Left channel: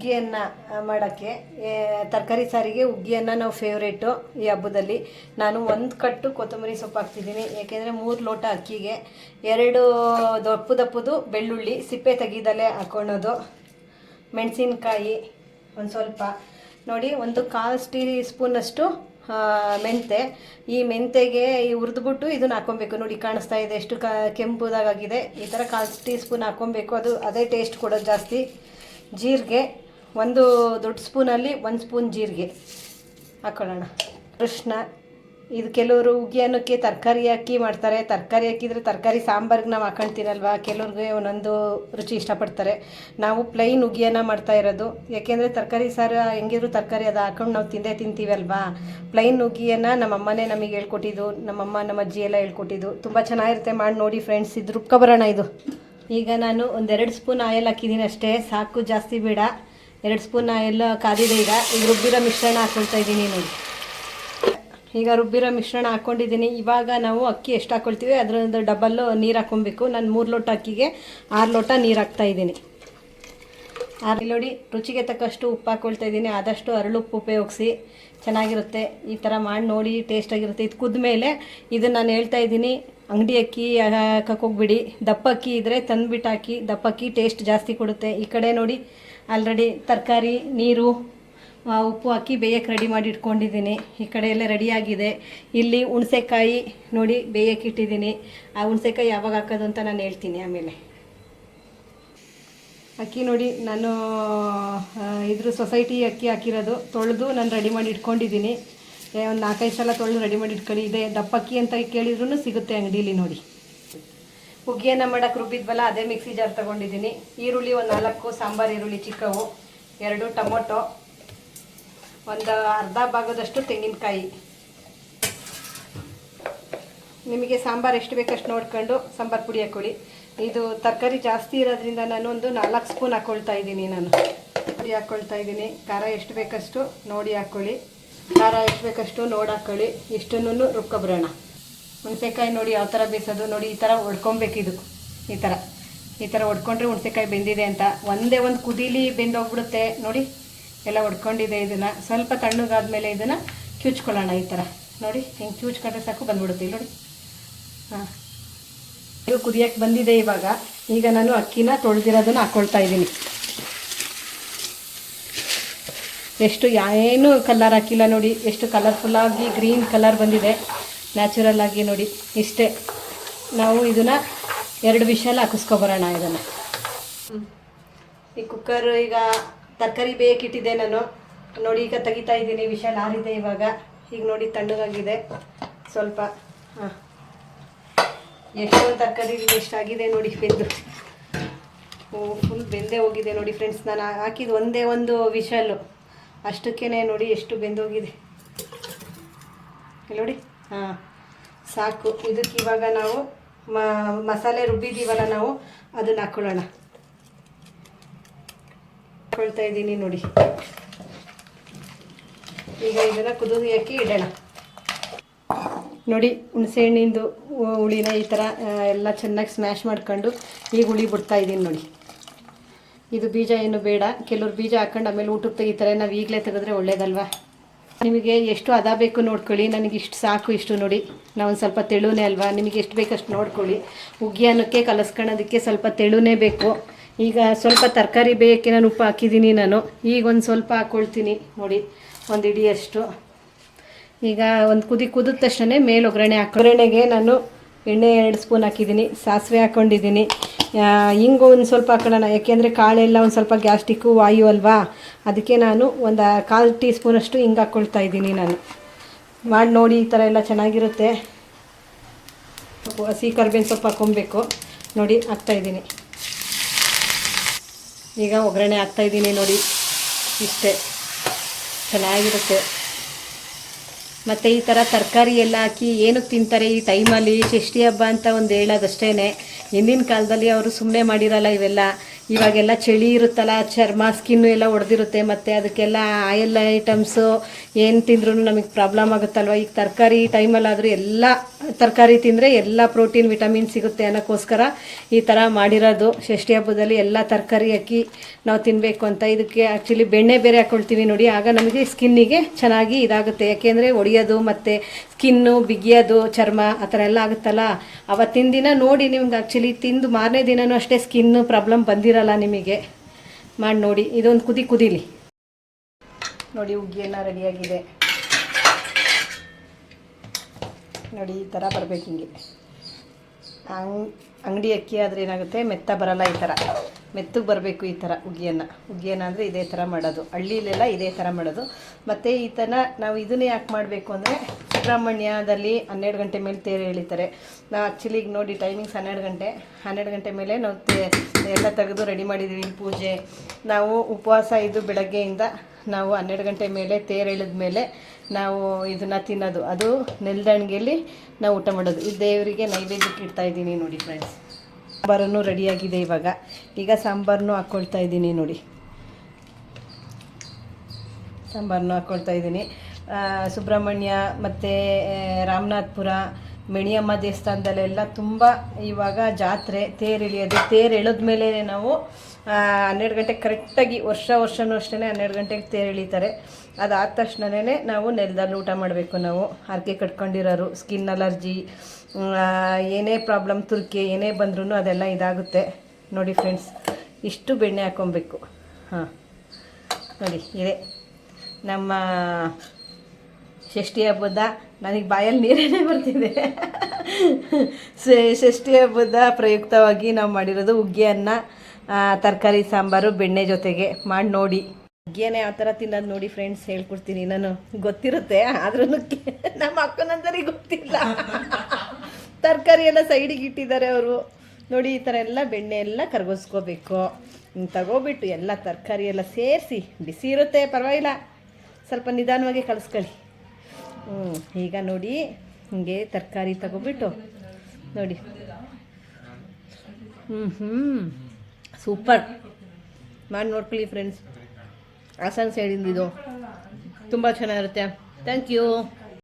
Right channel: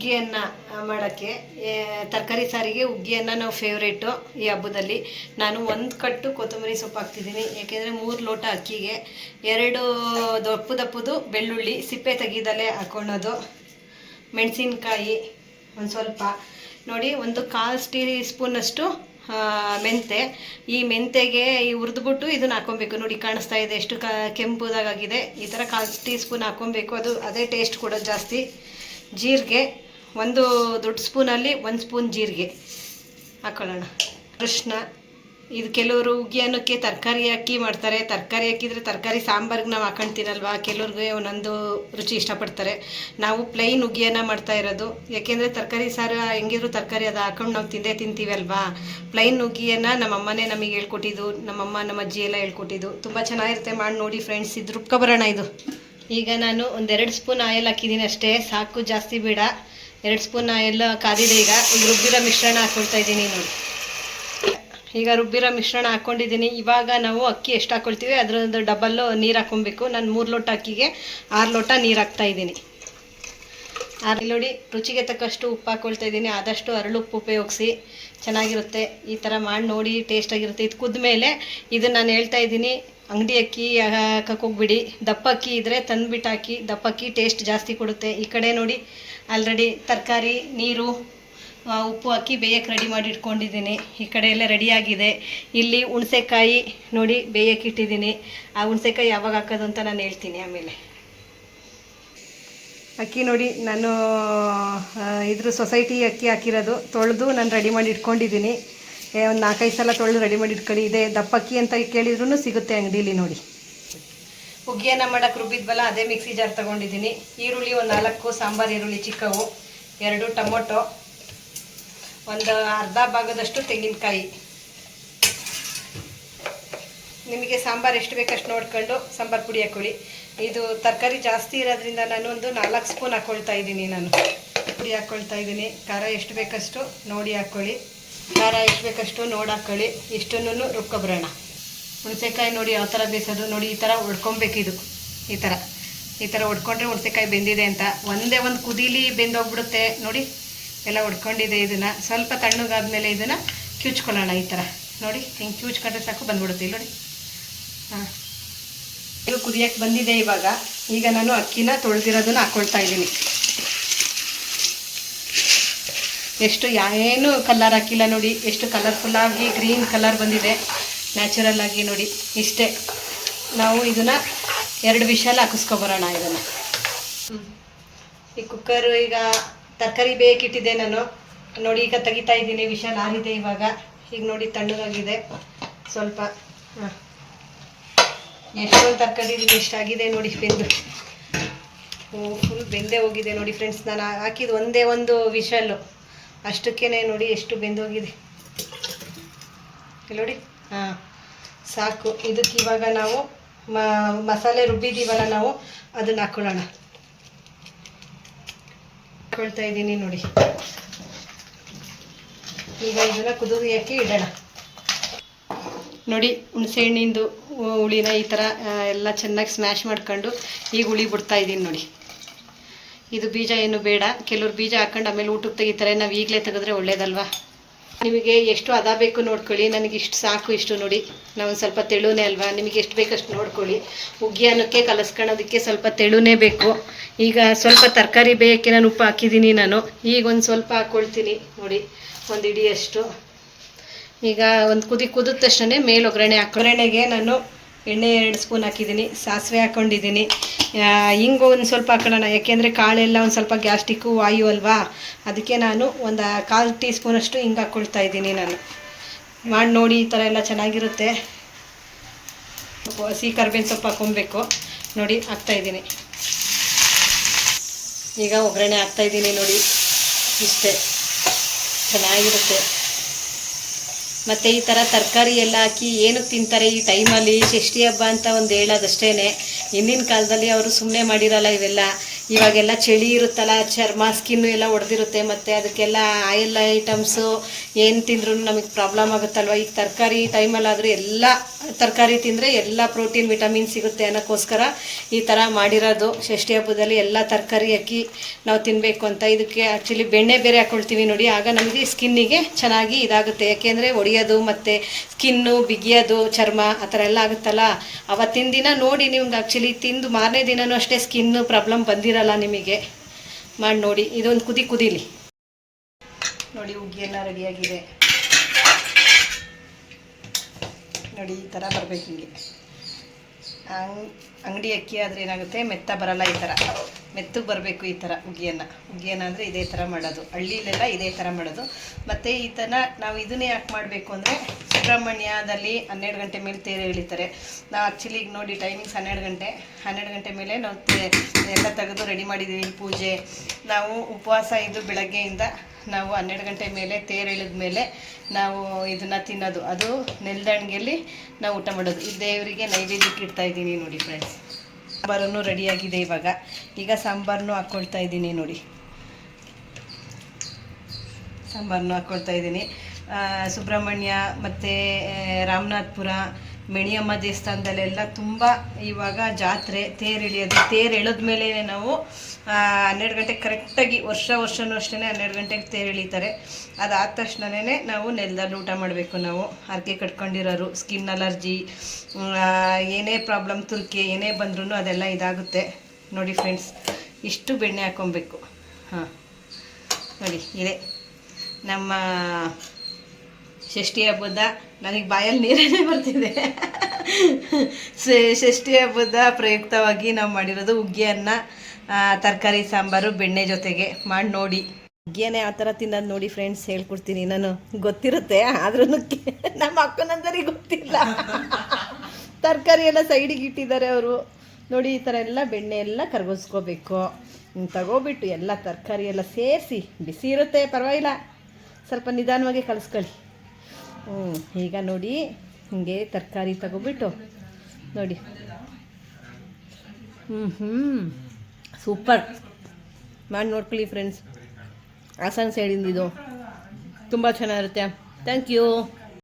ಹುಗ್ಗಿಯನ್ನು ಮಾಡೋಕ್ಕೆ. ತರಕಾರಿ ಸಾರಿಗೆ ಹುಗ್ಗಿಯನ್ನು ನಾವು ಫೇವ್ರೇಟು ಈ ಹಬ್ಬದಲ್ಲಿ. ನಾನು ಒಂದು ಕಟ್ಟು ಕೊತ್ತಂಬರಿ ಸೊಪ್ಪು ಹಾಕ್ತಿದ್ದೀನಿ. ಏಕೆಂದರೆ ಮೂರು ಲೋಟ ಅಕ್ಕಿಗೆ, ಎರಡು ದಪ್ಪು ದಪ್ಪದು ಬೆಳ್ಳುಳ್ಳಿ ಸಿಪ್ಪೆ ತೆಗೀದಲ್ಲೇ ಹಾಕೊಳ್ಳೋದು. ಮೆಣಸಿನ್ಕಾಯಿ ಒಂದು ಸ್ವಲ್ಪ. ನೋಡಿ, ಒಂದು ಕಾಲು ಟೀ ಸ್ಪೂನಷ್ಟು ಮೆಂತೆ. ಈ ಮೆಂತೆಗೆ ಈ ಹುರಿದ್ಬಿಟ್ಟು ಇದನ್ನ ಹಾಕೊಬೇಕು ನೋಡಿ, ಕಾಣಿಸ್ತಾ ಇದೆ ಎಷ್ಟು ಕ ಕೆಂಪುದಾಗಿದೆ ಈ ಥರ ಕಾಲು ಟೀ ಸ್ಪೂನ್ ಹಾಕ್ಕೊಬೇಕು. ಅದು, ಅದೇ ಟೇಸ್ಟ್ ಕೊಡೋದು ಜಾಸ್ತಿ. ಜೀರಿಗೆ. ಒಂದು ದೊಡ್ಡ ಸ್ಪೂನಲ್ಲಿ ಒಂದು ಸ್ಪೂನ್ ಜೀರಿಗೆ ಹಾಕೊಳ್ಳೋಣ. ಕೃಷ್ಣ, ಇದು ಕೆಲವರು ಹುಗ್ಗಿ ಅನ್ನೋಕ್ಕೆ ತರಕಾರಿ ಹಾಕಿ ಮಾಡ್ತಾರೆ. ತರಕಾರಿ ಹಾಕಿದರೆ ತರಕಾರಿ ಸಾಂಬಾರ್ಗೆ ನಾವು ಹಾಕೊಳ್ತೀರಲ್ವ ಕೆಲವ್ರಿಗೆ ಒಂದೊಂದು ರುಚಿ ಇಷ್ಟಪಡ್ತಾರೆ. ನಾವು ಪ್ಲೈನ್ ಹುಗ್ಗಿಯನ್ನು ಮಾಡ್ತಾ ಇರೋದು. ಯಾಕೆಂದರೆ ತರಕಾರಿ ಸಾರು ಹೆಂಗಿದ್ರು ತರಕಾರಿ ಅದು ಹಾಕೊಂಡು ನಾವು ತಿಂದೇ ತಿಂತೀವಲ್ವಾ? ಪ್ಲೈನ್ ಹುಗ್ಗಿಯನ್ನು ನಮ್ಮ ಅಮ್ಮನೇ ನಮಗೆ ಹೇಳ್ಕೊಟ್ಟಿದ್ದು ನಮ್ಮಮ್ಮ ನಮ್ಮ ಅಜ್ಜಿ ಎಲ್ಲ ಹೇಳ್ಕೊಟ್ಟಿದ್ದು. ತುಂಬ ಚೆನ್ನಾಗಿರುತ್ತೆ ಮಾಡಿ ನೋಡಿ ಫ್ರೆಂಡ್ಸ್ ಇದು ರುಬ್ಕೊಬರೋಣ ಇದು. ಈಗ ನಾನು ಒಂದೆರಡು ಸ್ಪೂನ್ ಆಯಿಲ್ ಹಾಕಿದ್ದೀನಿ ಅಷ್ಟೇ. ಸಾಕು, ಜಾಸ್ತಿ ಬೇಡ. ಎರಡು ಸ್ಪೂನ್ ಎಲ್ಲ ಕಾದಿದೆ ಈಗ. ಈಗ ರುಬ್ಬಿರೋ ಮಿಶ್ರಣ ಹಾಕ್ಕೊಳ್ತಾ ಇದ್ದೀನಿ ನೋಡಿ. ಈಗ ರುಬ್ಬಿರೋ ಮಿಶ್ರಣ ಹಾಕ್ಕೊಂಡಿದ್ದೀನಿ ಇವಾಗ ನಾವು ಅಕ್ಕಿ ಎಷ್ಟು ಹಾಕ್ಕೊಳ್ತೀವಿ ಅದರದ್ದು ಡಬಲ್ಲು ನೀರು ಹಾಕ್ಕೊಬೇಕು. ನಾನು ಮೂರು ಲೋಟ ಅಕ್ಕಿಗೆ ಆರು ಲೋಟ ನೀರು ಹಾಕ್ತಾ ಇದ್ದೀನಿ. ಆರು ನೋಡಿ, ರುಚಿಗೆ ತಕ್ಕಷ್ಟು ಉಪ್ಪು ಹಾಕ್ಕೊಳ್ತಾ ಇದ್ದೀನಿ. ಆದಷ್ಟು ಅರಳುಪ್ಪು ಉಪಯೋಗಿಸಿ. ಚೆನ್ನಾಗಿರುತ್ತೆ. ಈ ಥರ ಮಾಡಿ ನೋಡಿ ಟೇಸ್ಟಾಗಿರುತ್ತೆ ಇದು ಕುದ್ದ ಮೇಲೆ ಇದನ್ನು ನಾನು ಹೇಳ್ತಾ ಇದ್ದೀನಿ. ಅಂಗಡಿ ಅಕ್ಕಿ ಹಾಕೋಗ್ಬಿಡಿ ದಪ್ಪ ಅಕ್ಕಿ ಇದ್ದರೆ ತಂದುಬಿಟ್ಟು ಹಾಕಿ ದಪ್ಪ ಅಕ್ಕಿ ಟೇಸ್ಟ್ ಜಾಸ್ತಿ ಕೊಡುತ್ತೆ. ಈ ಕಡೆ ನೋಡಿ ಆಲ್ರೆಡಿ ತರಕಾರಿ, ನೀರು ಉಪ್ಪು ಹಾಕಿ ಬೇಯಕ್ಕೆ ರೆಡಿ ಮಾಡಿ ಇಟ್ಕೊಂಡಿದ್ದೀನಿ. ಈ ಕಡೆ ಎಲ್ಲ ರೆಡಿಯಾಗಿದೆ ಇಲ್ಲಿ ಹುಣಸೆಕಾಯಿ ನೋಡಿ ಬೇಯಕ್ಕೆ ಇಟ್ಟಿದ್ದೀನಿ. ಆ ಹುಣಸೆಕಾಯಿ ಯಾವಾಗ ಹಾಕೋದು ಅಂತ ನಾನು ಹೇಳ್ತೀನಿ ಆಮೇಲೆ. ಅಕ್ಕಿ ನೋಡಿ, ನಾನು ಇದ್ರ ಸೊಸೈಟಿ ಅಕ್ಕಿ ಹಾಕಿರೋದು. ತೊಳೆದು ನಾನು ರೆಡಿ ಮಾಡಿ ಇಟ್ಕೊಂಡಿದ್ದೀನಿ. ಒಂದು ನಾಲ್ಕೈದು ಸಲ ತೊಳೆದು ರೆಡಿ ಮಾಡಿ ಇಟ್ಕೊಳ್ಳಿ. ಇದೆ ದಪ್ಪ ಅಕ್ಕಿ ಅಂತ ಕೇಳಿದ್ರು ಸಿಗುತ್ತೆ ಅಂಗಡೀಲಿ ನೋಡಿ. ಹುಗ್ಗಿಯನ್ನು ಮಾಡೋಕೆ ರುಬ್ಬಿದ್ವಲ್ಲ, ಅದೇ ಮಿಕ್ಸಿ ಜಾರ್ ತೊಗೊಂಡಿದ್ದೀನಿ. ಈರುಳ್ಳಿ ಒಂದು ನಾಲ್ಕು, ಸಾಂಬಾರು ಈರುಳ್ಳಿ ಚಿಕ್ಕವು, ಎರಡು ಟೊಮೊಟೊ, ಒಂದು ಅರ್ಧ ಭಾಗದಷ್ಟು ತೆಂಗಿನಕಾಯಿ. ನಿಮಗೆ ಸಾಂಬಾರು ಎಷ್ಟು ಬೇಕಷ್ಟು ನೋಡ್ಕೊಂಡು ಸಾಂಬಾರು ಪುಡಿ ಹಾಕೊಳ್ಳಿ. ಇದು ತರಕಾರಿ ಜಾಸ್ತಿ ಇರೋದ್ರಿಂದ ನಾನು ಒಂದು ನಾಲ್ಕು ಸ್ಪೂನ್ ಹಾಕ್ಕೊಳ್ತಾ ಇದ್ದೀನಿ ನಾನು. ಪುಡಿ ಹಾಕ್ಕೊಳ್ತಾ ಇದ್ದೀನಿ. ಖಾರ ಎಷ್ಟು ಬೇಕಷ್ಟು ನೋಡಿ ಹಾಕ್ಕೊಳ್ಳಿ ಖಾರ ಎಷ್ಟು ಬೇಕಷ್ಟು ನೋಡಿ ಹಾಕ್ಕೊಳ್ಳಿ ಇಷ್ಟನ್ನು ರುಬ್ಕೊಬ್ರೋಣ ಹುಣಸೆಕಾಯಿ ನೋಡಿ ಯಾವ ಥರ ಬೇಯಿಸೋದು ನೋಡಿ ಈ ಥರ ಇದು, ಈ ಥರ. ಈ ಥರ ಹೊಡ್ಕೊಂಡ್ರೆ ಹುಣಸೆಕಾಯಿ ಬೆಂದಿದೆ ಅಂತ. ಒಂದೇ ಒಂದು ಕುದೀಲಿ ಬೆಂದೋಗ್ಬಿಡುತ್ತೆ. ನೋಡಿ, ಎಲ್ಲ ಹೊಡ್ಕೊಂಡಿದೆ ಇದನ್ನು. ಸ್ವಲ್ಪ ತಣ್ಣಗಾದ್ಮೇಲೆ ಇದನ್ನು ಕ್ಯೂಚ್ಕೊಳ್ಳೋಣ ಈ ಥರ. ನೋಡಿ, ಹಿಂಗೆ ಕ್ಯೂಚ್ಕೊಂಡ್ರೆ ಸಾಕು, ಬಂದ್ಬಿಡುತ್ತೆ. ನೋಡಿ. ಹಾಂ. ಇದು ಕುದಿಯೋಕ್ಕೆ ಬಂದಿದೆ ಇವಾಗ. ಈಗ ನಾನು ಅಕ್ಕಿನ ತೊಳೆದಿರೋದನ್ನು ಹಾಕ್ಕೊಳ್ತಾ ಇದ್ದೀನಿ. ಎಷ್ಟು, ಏನು ಕಲರ್ ಹಾಕಿಲ್ಲ ನೋಡಿ. ಎಷ್ಟು ಕಲರ್ಫುಲ್ಲಾಗಿ ಗ್ರೀನ್ ಕಲರ್ ಬಂದಿದೆ. ನ್ಯಾಚುರಲ್ ಆಗಿ ನೋಡಿ. ಇಷ್ಟೇ. ನಾವು ಇದನ್ನು ಎರಡು ವಿಷಲ್ ಹಾಕಿಸ್ಕೊಬರೋಣ ಇದನ್ನು. ಈ ಕುಕ್ಕರ್ ಈಗ ತರಕಾರಿ ಬೇಕಿಟ್ಟಿದ್ದೆ ನಾನು. ನೋಡಿ, ಈಗ ತೆಗಿತಾ ಇದ್ದೀನಿ. ವಿಷಲ್ ಆರಿದೆ ಇವಾಗ. ಈಗ ನೋಡಿ, ತಣ್ಣಗಾಗಿದೆ. ಸ್ವಲ್ಪ, ಹಾಂ. ಎಷ್ಟೊಂದು ತರಕಾರಿ ಎಷ್ಟಾಗಿದೆ ನೋಡಿ, ಬೆಂದು. ಫುಲ್ ಬೆಂದೇ ಹೋಗಿದೆ ನೋಡಿ ಫ್ರೆಂಡ್ಸ್ ನಾನು ಹಾಕಿದ್ದು ಒಂದೇ ಒಂದು ವಿಷಲ್ಲು ಅಷ್ಟಕ್ಕೇ ನೋಡಿ, ಎಷ್ಟು ಬೆಂದೋಗಿದೆ. ನೋಡಿ. ಹಾಂ, ಸಾಕು. ಇದಕ್ಕೆ ಇವಾಗ ನಾವು ಮಸಾಲೆ ರುಬ್ಬಿದ್ದೀವಲ್ಲ ನಾವು. ಅದನ್ನು ಹಾಕ್ಕೊಳ್ಳೋಣ ಹಾಕ್ಕೊಳ್ತಾ ಇದ್ದೀನಿ ನೋಡಿ. ಈಗ ಇದನ್ನು ಕುದಿಯೋಕ್ಕೆ ಇಡೋಣ. ನೋಡಿ, ಹುಣಸೆಹಣ್ಣಿಂದು ಹುಳಿನ ಈ ಥರ ಎಲ್ಲ ಚೆನ್ನಾಗಿ ಸ್ಮ್ಯಾಶ್ ಮಾಡ್ಕೊಂಡು ಈಗ ಹುಳಿ ಬಿಡ್ತಾ ಇದ್ದೀನಿ ನೋಡಿ. ಇದು ಬೀಜ ಏನು ಬೇಡ. ಕೆಲವ್ರು ಬೀಜ ಹಾಕೊಂಡು ಆಮೇಲೆ ಊಟಕ್ಕೆ ತೆಗಿತಾರೆ. ನಾವು ಈಗಲೇ ತೆಗೆದ್ರೆ ಒಳ್ಳೇದಲ್ವಾ? ನಿಮಗೆ ಎಷ್ಟು ಅದ ಬೇಕು ನೋಡ್ಕೊಳ್ಳಿ. ನನಗೆ ಇಷ್ಟು ಸಾಕು, ಇಷ್ಟು ನೋಡಿ. ನಾವು ಸ್ವಲ್ಪ ತೆಳುನೇ ಅಲ್ವಾ? ನಿಮಗೆ ಎಷ್ಟು ಬೇಕಷ್ಟು ನೋಡ್ಕೊಳ್ಳಿ. ಉಗ್ಗಿಯನಕ್ಕೆ ಕಲಸ್ಕೊಳ್ಳೋದಕ್ಕೆ ಸ್ವಲ್ಪ ತೆಳುನೇ ಬೇಕು. ಈಗ ಸ್ವಲ್ಪ ತರಕಾರಿ ಬೇಯಕ್ಕೆ ನಾನು ಉಪ್ಪು ಹಾಕಿದ್ದೀನಿ ನಾನು. ಈಗ ಒಂದು ಸ್ವಲ್ಪ ಹಾಕ್ಕೊಳ್ತೀನಿ ನೋಡಿ. ಒಂದು ಇಡಿಯಷ್ಟು. ಈಗ ಒಂದು ಕುದಿ ಕುದಿದ ತಕ್ಷಣ ಮೇಲೆ ಒಗ್ಗರಣೆ ಹಾಕಿ ಒಗ್ಗರಣೆಗೆ ನಾನು ಎಣ್ಣೆ ಎರಡು ಸ್ಪೂನ್ ಹಾಕಿದ್ದೀನಿ, ಸಾಸಿವೆ ಹಾಕ್ಕೊಂಡಿದ್ದೀನಿ ಹಿಂಗೆ ಒಂದು ಸ್ವಲ್ಪ ಹಾಕೊಳ್ಳೋಣ ಯಾಕೆಂದರೆ ಕಾಳೆಲ್ಲ ಒಂದು ಸ್ವಲ್ಪ ಗ್ಯಾಸ್ಟಿಕ್ಕು, ವಾಯು ಅಲ್ವಾ? ಅದಕ್ಕೆ ನಾನು ಒಂದು ಕಾಲು ಟೀ ಸ್ಪೂನಷ್ಟು ಹಿಂಗೆ ಹಾಕ್ಕೊಳ್ತಾ ಇದ್ದೀನಿ ನಾನು. ಮಾಡಿ ನೋಡಿ, ಈ ಥರ ಎಲ್ಲ ಚೆನ್ನಾಗಿರುತ್ತೆ. ಹಸಿ ಕರ್ಬೇವಿನ ಸೊಪ್ಪು ಹಾಕ್ಕೊಬೇಕು ನೋಡಿ ಹಾಕ್ತಾಯಿದ್ದೀನಿ ಈಗ ಒಗ್ಗರಣೆ ಹಾಕ್ತಾಯಿದ್ದೀನಿ ನೋಡಿ, ಇಷ್ಟೇ. ಚೆನ್ನಾಗಿರುತ್ತೆ. ಮತ್ತು ಈ ಥರ ತರಕಾರಿ ಎಲ್ಲ ಹಾಕಿ ಏನಕ್ಕೆ ತಿಂತಾರೆ ಈ ಟೈಮಲ್ಲಿ ಷಷ್ಠಿ ಹಬ್ಬ ಅಂತ ಒಂದು ಹೇಳೋದಷ್ಟೇ ಹಿಂದಿನ ಕಾಲದಲ್ಲಿ ಅವರು ಸುಮ್ಮನೆ ಮಾಡಿರಲ್ಲ ಇವೆಲ್ಲ. ಇವಾಗೆಲ್ಲ ಚಳಿ ಇರುತ್ತಲ್ಲ, ಚರ್ಮ ಸ್ಕಿನ್ನು ಎಲ್ಲ ಒಡೆದಿರುತ್ತೆ ಮತ್ತು ಅದಕ್ಕೆಲ್ಲ ಆಯಿಲ್ ಐಟಮ್ಸು ಏನು ತಿಂದ್ರೂ ನಮಗೆ ಪ್ರಾಬ್ಲಮ್ ಆಗುತ್ತಲ್ವ? ಈಗ ತರಕಾರಿ ಟೈಮಲ್ಲಾದರೂ ಎಲ್ಲ ತರಕಾರಿ ತಿಂದರೆ ಎಲ್ಲ ಪ್ರೋಟೀನ್ ವಿಟಮಿನ್ ಸಿಗುತ್ತೆ ಅನ್ನೋಕ್ಕೋಸ್ಕರ ಈ ಥರ ಮಾಡಿರೋದು. ಷಷ್ಠಿ ಹಬ್ಬದಲ್ಲಿ ಎಲ್ಲ ತರಕಾರಿ ಹಾಕಿ ನಾವು ತಿನ್ನಬೇಕು ಅಂತ. ಇದಕ್ಕೆ ಆ್ಯಕ್ಚುಲಿ ಬೆಣ್ಣೆ ಬೇರೆ ಹಾಕ್ಕೊಳ್ತೀವಿ ನೋಡಿ. ಆಗ ನಮಗೆ ಸ್ಕಿನ್ನಿಗೆ ಚೆನ್ನಾಗಿ ಇದಾಗುತ್ತೆ. ಯಾಕೆಂದರೆ ಒಡೆಯೋದು ಮತ್ತು ಸ್ಕಿನ್ನು ಬಿಗಿಯೋದು, ಚರ್ಮ ಆ ಥರ ಎಲ್ಲ ಆಗುತ್ತಲ್ಲ. ಅವತ್ತಿನ ದಿನ ನೋಡಿ ನಿಮ್ಗೆ ಆ್ಯಕ್ಚುಲಿ ತಿಂದು ಮಾರನೇ ದಿನವೂ ಅಷ್ಟೇ ಸ್ಕಿನ್ ಪ್ರಾಬ್ಲಮ್ ಬಂದಿರಲ್ಲ ನಿಮಗೆ. ಮಾಡಿ ನೋಡಿ, ಇದೊಂದು ಕುದಿ ಕುದೀಲಿ. ನೋಡಿ ಹುಗ್ಗಿಯೆಲ್ಲ ರೆಡಿಯಾಗಿದೆ ನೋಡಿ, ಈ ಥರ ಬರಬೇಕು ಹಿಂಗೆ ಅಂಗ್ ಅಂಗಡಿ ಅಕ್ಕಿ ಆದರೆ ಏನಾಗುತ್ತೆ? ಮೆತ್ತ ಬರಲ್ಲ ಈ ಥರ ಮೆತ್ತಗೆ ಬರಬೇಕು ಈ ಥರ ಹುಗ್ಗಿಯನ್ನು ಹುಗ್ಗಿಯನ್ನು ಅಂದರೆ ಇದೇ ಥರ ಮಾಡೋದು. ಹಳ್ಳಿಲೆಲ್ಲ ಇದೇ ಥರ ಮಾಡೋದು. ಮತ್ತು ಈ ಥರ ನಾವು ಇದನ್ನೇ ಯಾಕೆ ಮಾಡಬೇಕು ಅಂದರೆ ಸುಬ್ರಹ್ಮಣ್ಯದಲ್ಲಿ ಹನ್ನೆರಡು ಗಂಟೆ ಮೇಲೆ ತೇರು ಎಳಿತಾರೆ. ನಾವು ಆ್ಯಕ್ಚುಲಿ ಈಗ ನೋಡಿ ಟೈಮಿಂಗ್ಸ್ ಹನ್ನೆರಡು ಗಂಟೆ ಹನ್ನೆರಡು ಗಂಟೆ ಮೇಲೆ ನಾವು ಎಲ್ಲ ತೆಗೆದು ರೆಡಿ ಮಾಡಿದ್ದೀವಿ ಪೂಜೆ. ನಾವು ಉಪವಾಸ ಇದ್ದು ಬೆಳಗ್ಗೆಯಿಂದ ನಾವು ಹನ್ನೆರಡು ಗಂಟೆ ಮೇಲೆ ತೇರು ಎಳೆದ ಮೇಲೆ ನಾವು ಇದನ್ನು ತಿನ್ನೋದು. ಅದು ನೆಲ್ದಣಿಗೆಯಲ್ಲಿ ನಾವು ಊಟ ಮಾಡೋದು. ಈ ದೇವರಿಗೆ ನೈವೇದ್ಯಕ್ಕೆ ಇಡ್ತಾ ಇದ್ದೀನಿ ನೋಡಿ ಫ್ರೆಂಡ್ಸ್ ಸಾಂಬಾರನ್ನು ರೆಡಿಯಾಗಿದೆ ಇವಾಗ. ಈಗ ಸಾಂಬಾರನ್ನು ಹಾಕ್ಕೊಳ್ತಾ ಇದ್ದೀನಿ ನೋಡಿ. ಸಾಂಬಾರನ್ನು ಹಾಕ್ಕೊಳ್ತಾ ಇದ್ದೀನಿ. ಸುಬ್ರಹ್ಮಣ್ಯ ಮತ್ತು ರಾಮನಾಥ್ಪುರ ಮೆಣಿಯಮ್ಮ ದೇವಸ್ಥಾನದಲ್ಲೆಲ್ಲ ತುಂಬ ಇವಾಗ ಜಾತ್ರೆ, ತೇರು ಇಳಿಯೋದು, ತೇರು ಎಳೆದ ಮೇಲೆ ನಾವು ಹನ್ನೆರಡು ಗಂಟೆಗೆ ಕರೆಕ್ಟಾಗಿ ವರ್ಷ ವರ್ಷವೂ ಅಷ್ಟೇ ಹನ್ನೆರಡು ಗಂಟೆಗೆ ತೇರು ಎಳಿತಾರೆ ಅದಾದ ತಕ್ಷಣವೇ ನಾವು ನೆಲದಲ್ಲಿ ಊಟ ಮಾಡಬೇಕು ನಾವು. ಹರಕೆ ಕಟ್ಕೊಂಡಿರೋರು ಸ್ಕಿನ್ ಅಲರ್ಜಿ ಏನೇ ಪ್ರಾಬ್ಲಮ್ ತುರ್ಕೆ, ಏನೇ ಬಂದ್ರೂ ಅದೆಲ್ಲ ಇದಾಗುತ್ತೆ. ನೋಡಿ ಫ್ರೆಂಡ್ಸ್ ಇಷ್ಟು ಬೆಣ್ಣೆ ಹಾಕ್ಕೊಬೇಕು ಹಾಂ, ನೋಡಿ, ಇದೆ. ನಮ್ಮ ಷಷ್ಠಿ ಹಬ್ಬದ ನನಗೆ ಬಾಯಲ್ಲಿ ನೀರೇನೇ ಬರ್ತಿದೆ. ಷಷ್ಠಿ ಹಬ್ಬದ ಪ್ರಯುಕ್ತವಾಗಿ ನಾವು ಮಾಡಿರೋದು ಹುಗ್ಗಿ ಅನ್ನ ತರಕಾರಿ, ಸಾಂಬಾರು, ಬೆಣ್ಣೆ ಜೊತೆಗೆ ಮಾಡಿ ನೋಡಿ. ಹುಗ್ಗಿಯನ್ನೇ ಯಾವ ಥರ ತಿನ್ನೋದು ನೋಡಿ ಫ್ರೆಂಡ್ಸ್ ಹೇಳ್ಕೊಡ್ತೀನಿ. ನಾನು ಗೊತ್ತಿರುತ್ತೆ ಆದ್ರೂ ನಮ್ಮ ಅಕ್ಕನಂದರಿಗೆ ಗೊತ್ತಿಲ್ಲ. ತರಕಾರಿ ಎಲ್ಲ ಸೈಡಿಗೆ ಇಟ್ಟಿದ್ದಾರೆ ಅವರು. ನೋಡಿ, ಈ ಥರ ಎಲ್ಲ ಬೆಣ್ಣೆ ಎಲ್ಲ ಕರ್ಗೋಸ್ಕೋಬೇಕು. ತಗೋಬಿಟ್ಟು ಎಲ್ಲ ತರಕಾರಿ ಎಲ್ಲ ಸೇರಿಸಿ, ಬಿಸಿ ಇರುತ್ತೆ, ಪರವಾಗಿಲ್ಲ. ಸ್ವಲ್ಪ ನಿಧಾನವಾಗಿ ಕಲಿಸ್ಕೊಳ್ಳಿ. ಹ್ಞೂ ಈಗ ನೋಡಿ, ಹಿಂಗೆ ತರಕಾರಿ ತಗೋಬಿಟ್ಟು ನೋಡಿ. ಹ್ಞೂ ಹ್ಞೂ ಸೂಪರ್. ಮಾಡಿ ನೋಡ್ಕೊಳ್ಳಿ ಫ್ರೆಂಡ್ಸ್ ಹಾಸನ ಸೈಡಿಂದ ಇದು ತುಂಬ ಚೆನ್ನಾಗಿರುತ್ತೆ. Thank you